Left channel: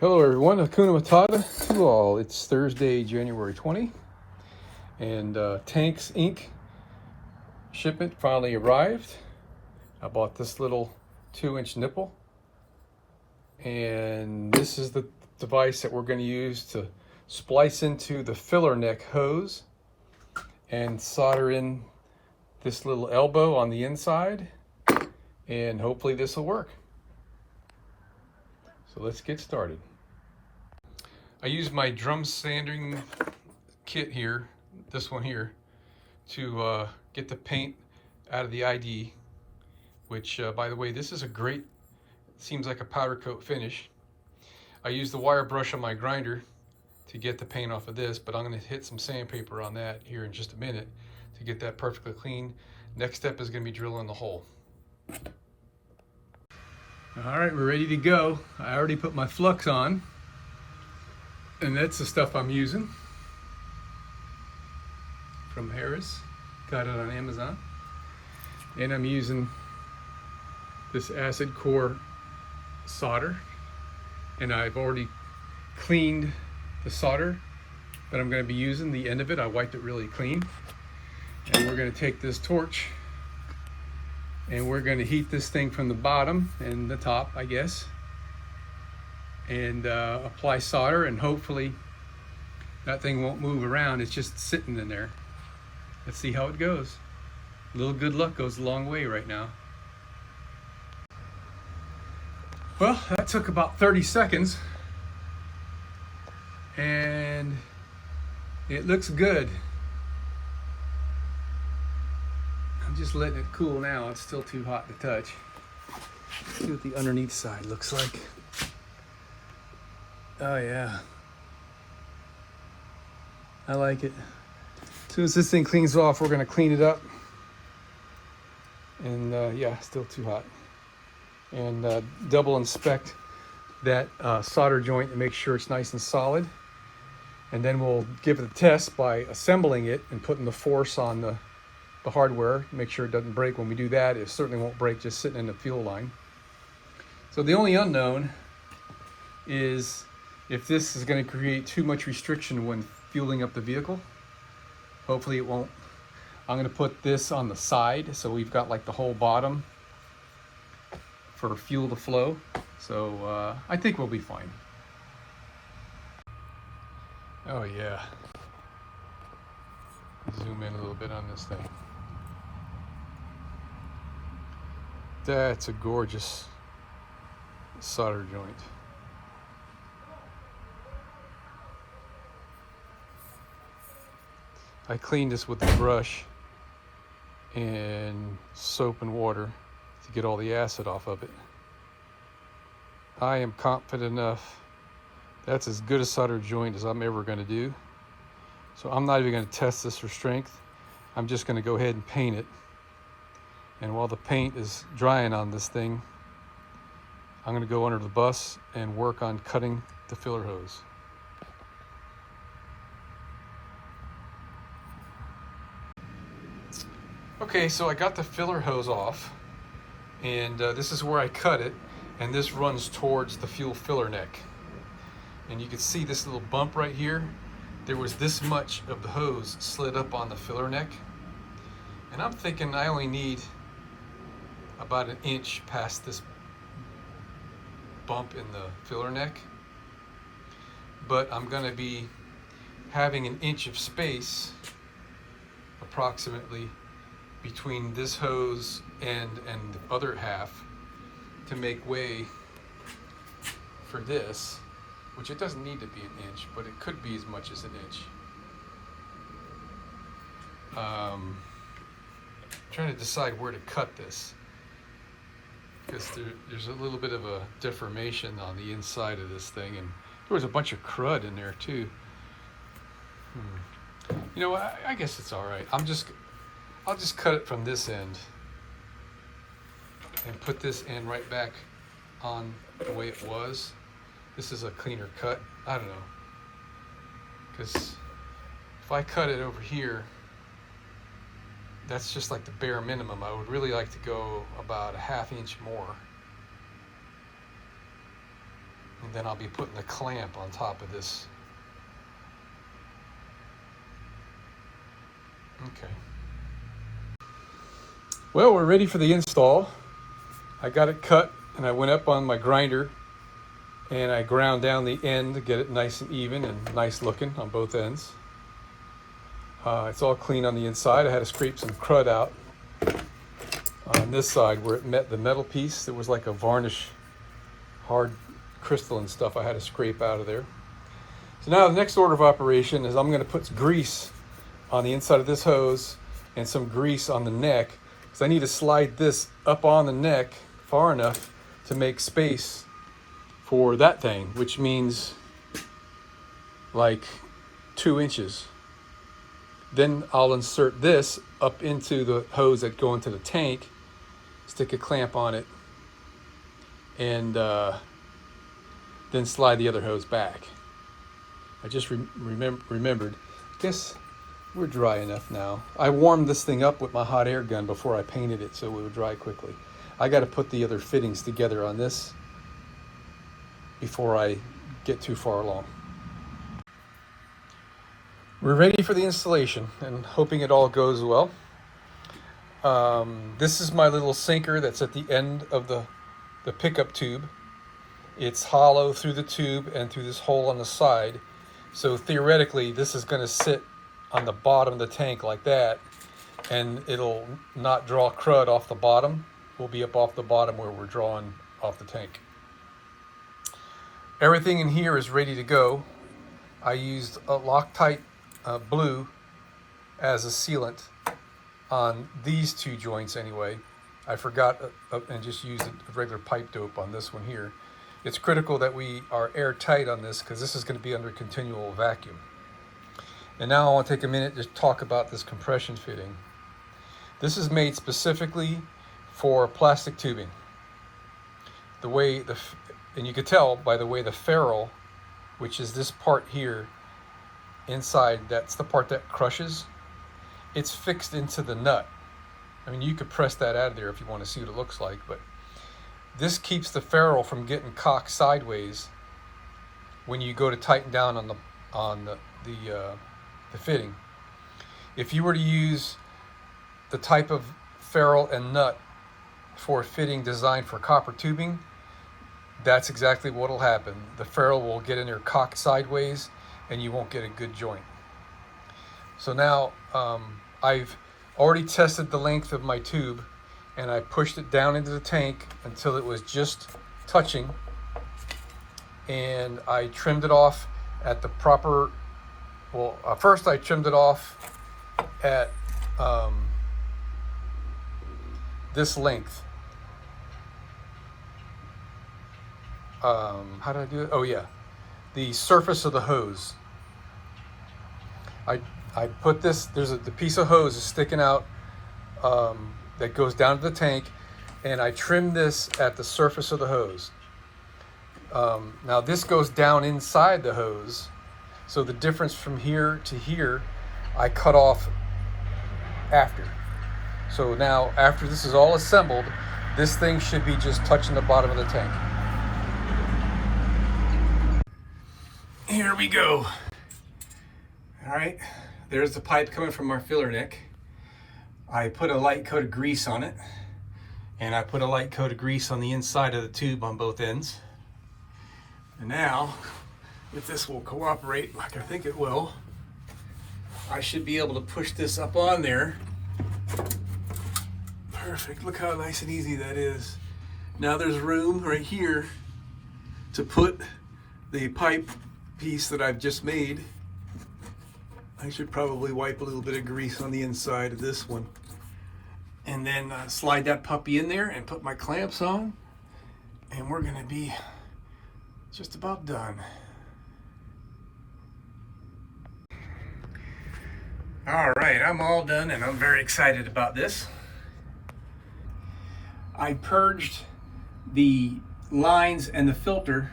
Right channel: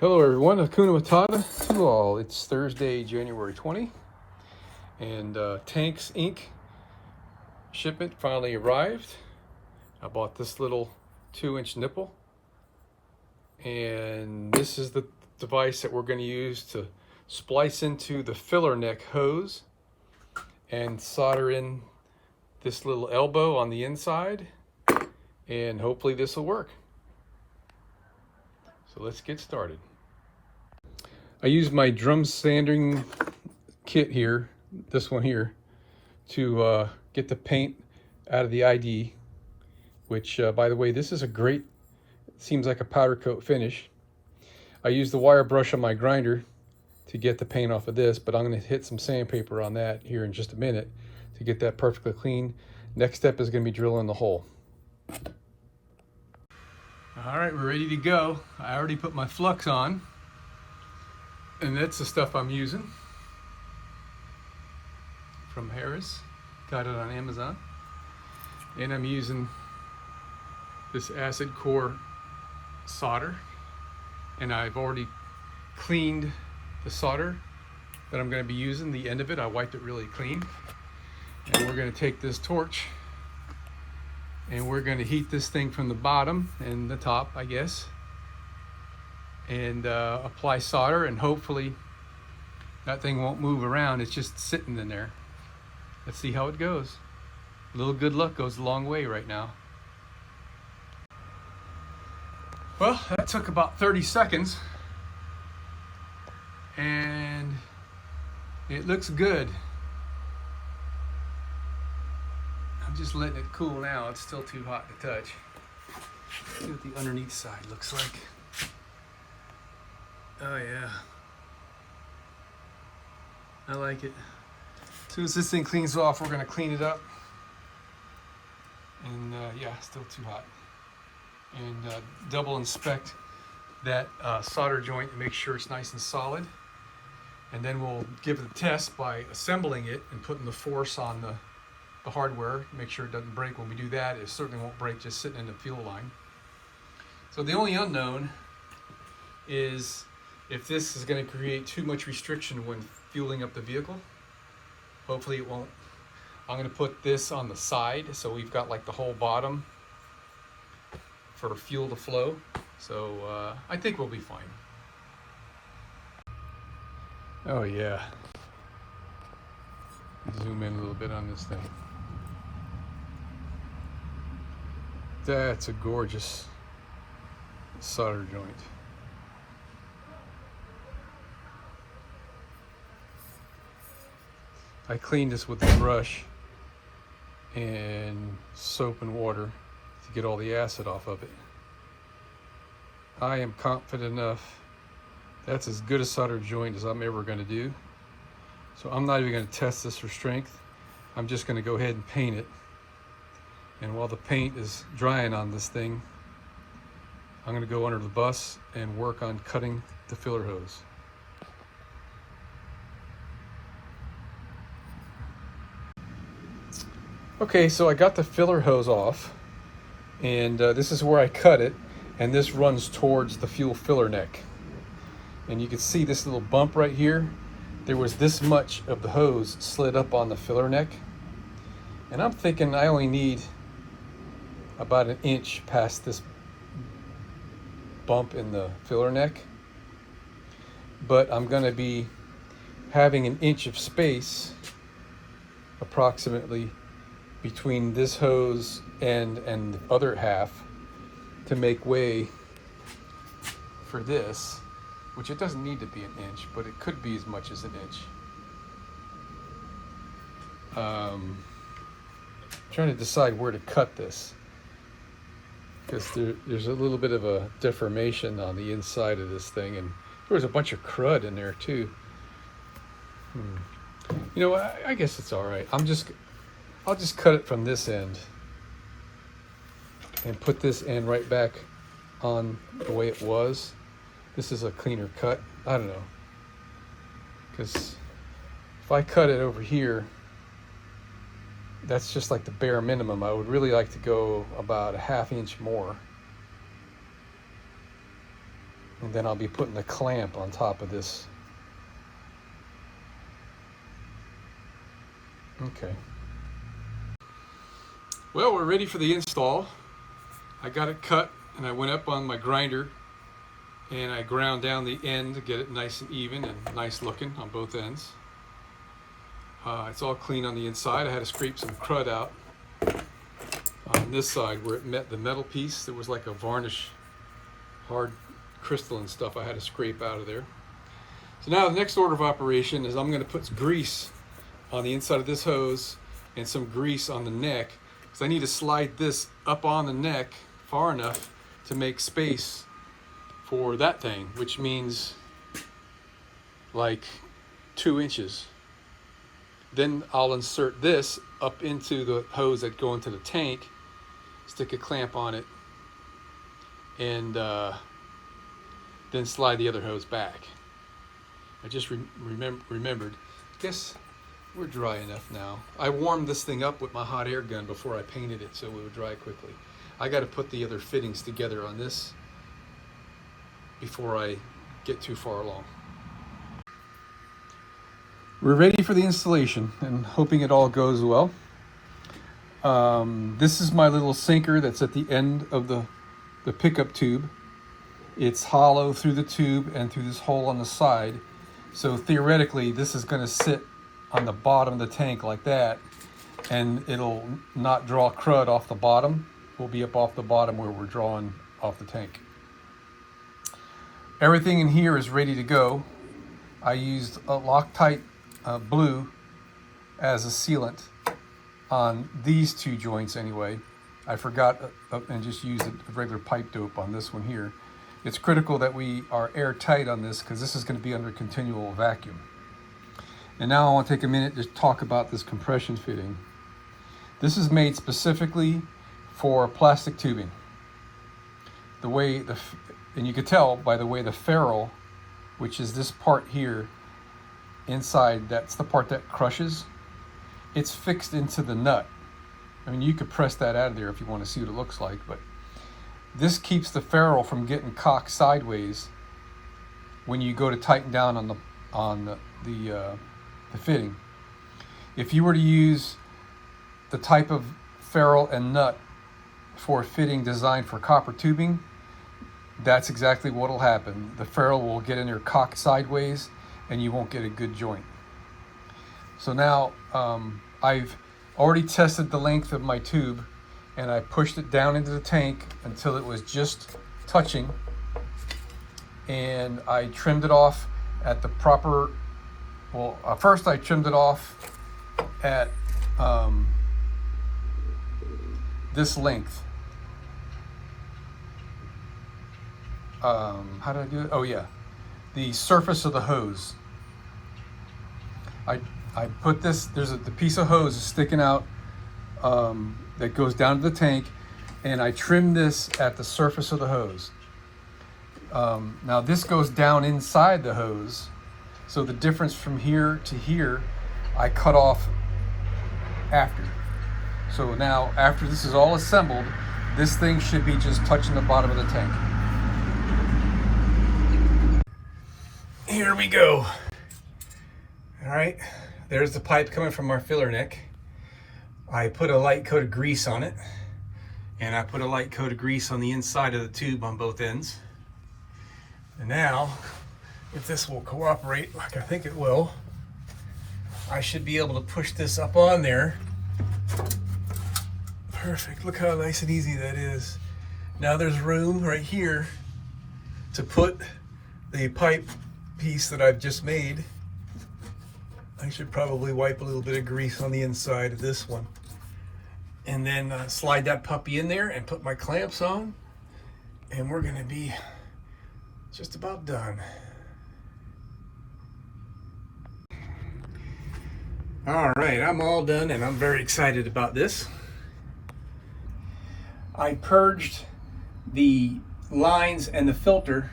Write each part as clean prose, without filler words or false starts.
Hello everyone, Hakuna Matata to all. It's Thursday, January 20, and Tanks Inc. shipment finally arrived. I bought this little 2-inch nipple, and this is the device that we're going to use to splice into the filler neck hose and solder in this little elbow on the inside, and hopefully this will work. So let's get started. I used my drum sanding kit here, this one here, to get the paint out of the ID, which by the way, this is a great, seems like a powder coat finish. I used the wire brush on my grinder to get the paint off of this, but I'm going to hit some sandpaper on that here in just a minute to get that perfectly clean. Next step is going to be drilling the hole. All right, we're ready to go. I already put my flux on, and that's the stuff I'm using from Harris, got it on Amazon. And I'm using this acid core solder, and I've already cleaned the solder that I'm going to be using. The end of it, I wiped it really clean, and we're going to take this torch and we're going to heat this thing from the bottom and the top, I guess, and apply solder, and hopefully that thing won't move around. It's just sitting in there. Let's see how it goes. A little good luck goes a long way right now. Well, that took about 30 seconds, and it looks good. I'm just letting it cool now. It's still too hot to touch. Let's see what the underneath side looks like. Oh yeah, I like it. As soon as this thing cleans off, we're gonna clean it up. And yeah, still too hot. And double inspect that solder joint and make sure it's nice and solid. And then we'll give it a test by assembling it and putting the force on the hardware, make sure it doesn't break. When we do that, it certainly won't break just sitting in the fuel line. So the only unknown is if this is going to create too much restriction when fueling up the vehicle. Hopefully it won't. I'm going to put this on the side so we've got like the whole bottom for fuel to flow. So I think we'll be fine. Oh yeah. Zoom in a little bit on this thing. That's a gorgeous solder joint. I cleaned this with a brush and soap and water to get all the acid off of it. I am confident enough that's as good a solder joint as I'm ever going to do. So I'm not even going to test this for strength. I'm just going to go ahead and paint it. And while the paint is drying on this thing, I'm going to go under the bus and work on cutting the filler hose. Okay, so I got the filler hose off, and this is where I cut it, and this runs towards the fuel filler neck. And you can see this little bump right here. There was this much of the hose slid up on the filler neck, and I'm thinking I only need about 1 inch past this bump in the filler neck, but I'm going to be having 1 inch of space approximately between this hose and the other half to make way for this, which it doesn't need to be 1 inch, but it could be as much as 1 inch. Trying to decide where to cut this, because there's a little bit of a deformation on the inside of this thing, and there was a bunch of crud in there too. You know, I guess it's all right. I'll just cut it from this end and put this end right back on the way it was. This is a cleaner cut. I don't know, because if I cut it over here, that's just like the bare minimum. I would really like to go about 1/2 inch more. And then I'll be putting the clamp on top of this. Okay. Well, we're ready for the install. I got it cut and I went up on my grinder and I ground down the end to get it nice and even and nice looking on both ends. It's all clean on the inside. I had to scrape some crud out on this side where it met the metal piece. There was like a varnish, hard crystalline stuff I had to scrape out of there. So now the next order of operation is I'm going to put grease on the inside of this hose and some grease on the neck, because I need to slide this up on the neck far enough to make space for that thing, which means like 2 inches. Then I'll insert this up into the hose that go into the tank, stick a clamp on it, and then slide the other hose back. I just remembered. Guess we're dry enough now. I warmed this thing up with my hot air gun before I painted it so it would dry quickly. I got to put the other fittings together on this before I get too far along. We're ready for the installation and hoping it all goes well. This is my little sinker that's at the end of the pickup tube. It's hollow through the tube and through this hole on the side. So theoretically, this is going to sit on the bottom of the tank like that, and it'll not draw crud off the bottom. We'll be up off the bottom where we're drawing off the tank. Everything in here is ready to go. I used a Loctite blue as a sealant on these 2 joints anyway. I forgot and just used a regular pipe dope on this one here. It's critical that we are airtight on this because this is going to be under continual vacuum. And now I want to take a minute to talk about this compression fitting. This is made specifically for plastic tubing. And you can tell by the way the ferrule, which is this part here inside, that's the part that crushes, it's fixed into the nut. I mean, you could press that out of there if you want to see what it looks like, but this keeps the ferrule from getting cocked sideways when you go to tighten down on the fitting. If you were to use the type of ferrule and nut for fitting designed for copper tubing, that's exactly what will happen. The ferrule will get in there cocked sideways and you won't get a good joint. So now I've already tested the length of my tube and I pushed it down into the tank until it was just touching, and I trimmed it off at the proper, first I trimmed it off at this length. How did I do it? Oh yeah, the surface of the hose. I put this, the piece of hose is sticking out that goes down to the tank, and I trimmed this at the surface of the hose. Now this goes down inside the hose, so the difference from here to here, I cut off after. So now after this is all assembled, this thing should be just touching the bottom of the tank. Here we go. All right, there's the pipe coming from our filler neck. I put a light coat of grease on it, and I put a light coat of grease on the inside of the tube on both ends. And now, if this will cooperate like I think it will, I should be able to push this up on there. Perfect, look how nice and easy that is. Now there's room right here to put the pipe piece that I've just made. I should probably wipe a little bit of grease on the inside of this one, and then slide that puppy in there and put my clamps on, and we're gonna be just about done. All right, I'm all done and I'm very excited about this. I purged the lines and the filter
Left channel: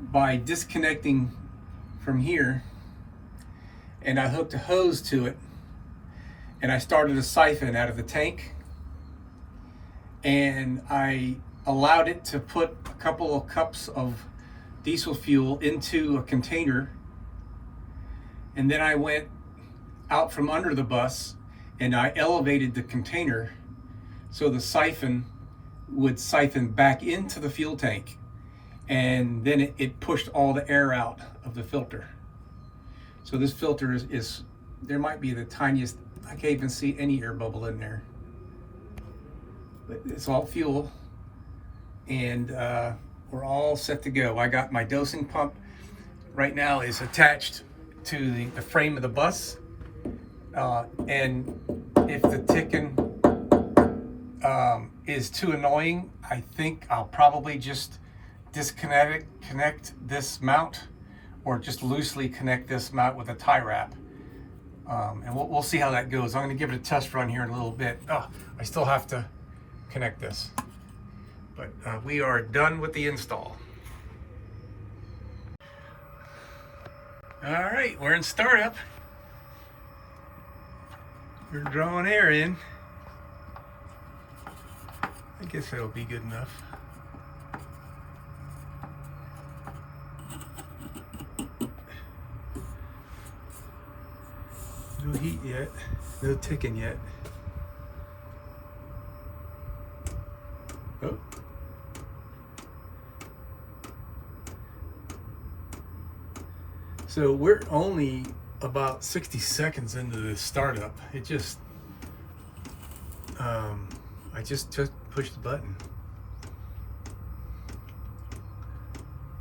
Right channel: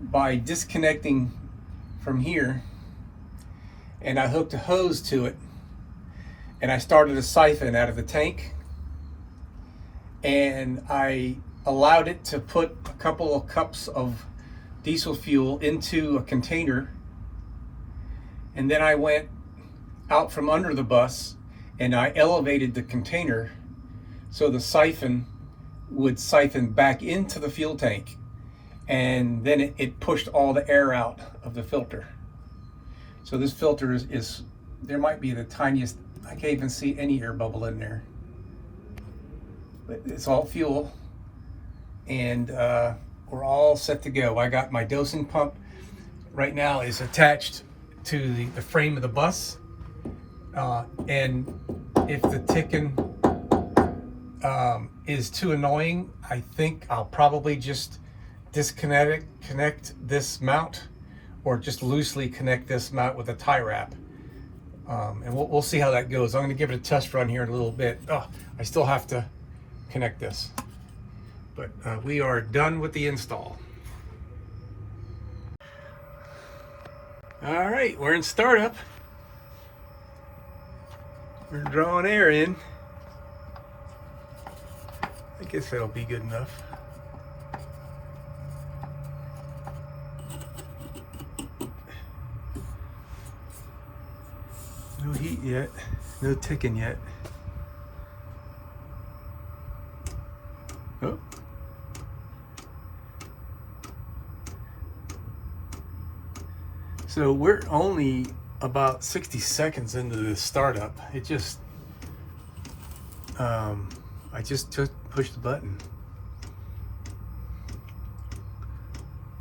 by disconnecting from here, and I hooked a hose to it, and I started a siphon out of the tank, and I allowed it to put a couple of cups of diesel fuel into a container, and then I went out from under the bus and I elevated the container so the siphon would siphon back into the fuel tank, and then it pushed all the air out of the filter. So this filter is there might be the tiniest, I can't even see any air bubble in there, but it's all fuel, and we're all set to go. I got my dosing pump right now is attached to the frame of the bus, and if the ticking is too annoying, I think I'll probably just connect this mount, or just loosely connect this mount with a tie wrap, and we'll see how that goes. I'm going to give it a test run here in a little bit. I still have to connect this, but we are done with the install. All right, we're in startup. We're drawing air in. I guess that'll be good enough. No heat yet, no ticking yet. Oh. So we're only about 60 seconds into the startup. It just, I just pushed the button.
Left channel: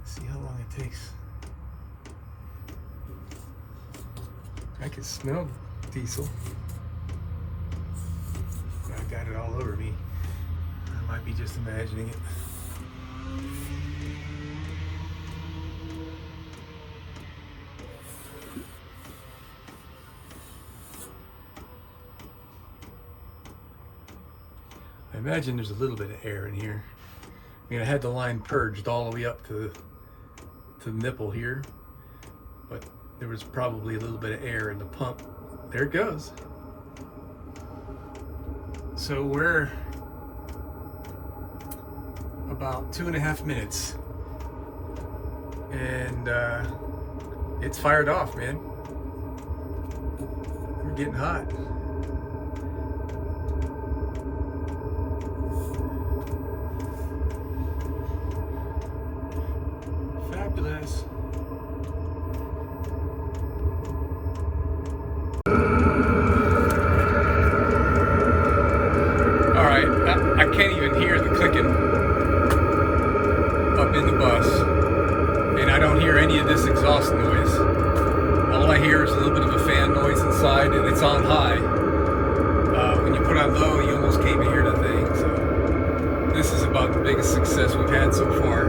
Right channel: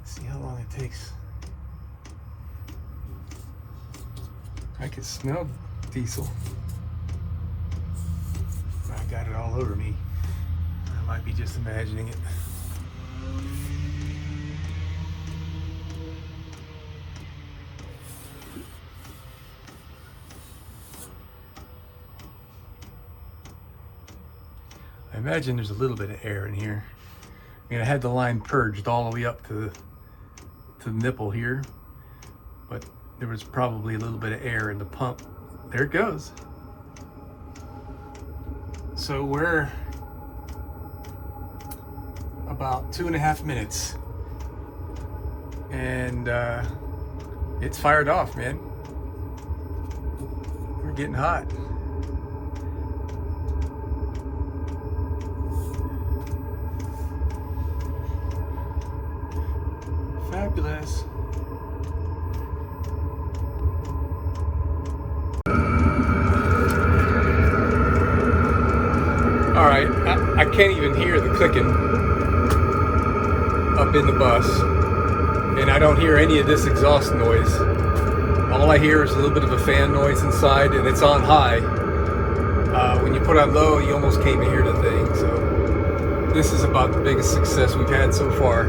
See how long it takes. I can smell diesel. I got it all over me. I might be just imagining it. I imagine there's a little bit of air in here. I mean, I had the line purged all the way up to the nipple here, but there was probably a little bit of air in the pump. There it goes. So we're about 2.5 minutes, and it's fired off, man. We're getting hot. Fabulous. All right, I can't even hear the clicking up in the bus, and I don't hear any of this exhaust noise. All I hear is a little bit of a fan noise inside, and it's on high. When you put on low, you almost can't even hear the thing. So this is about the biggest success we've had so far.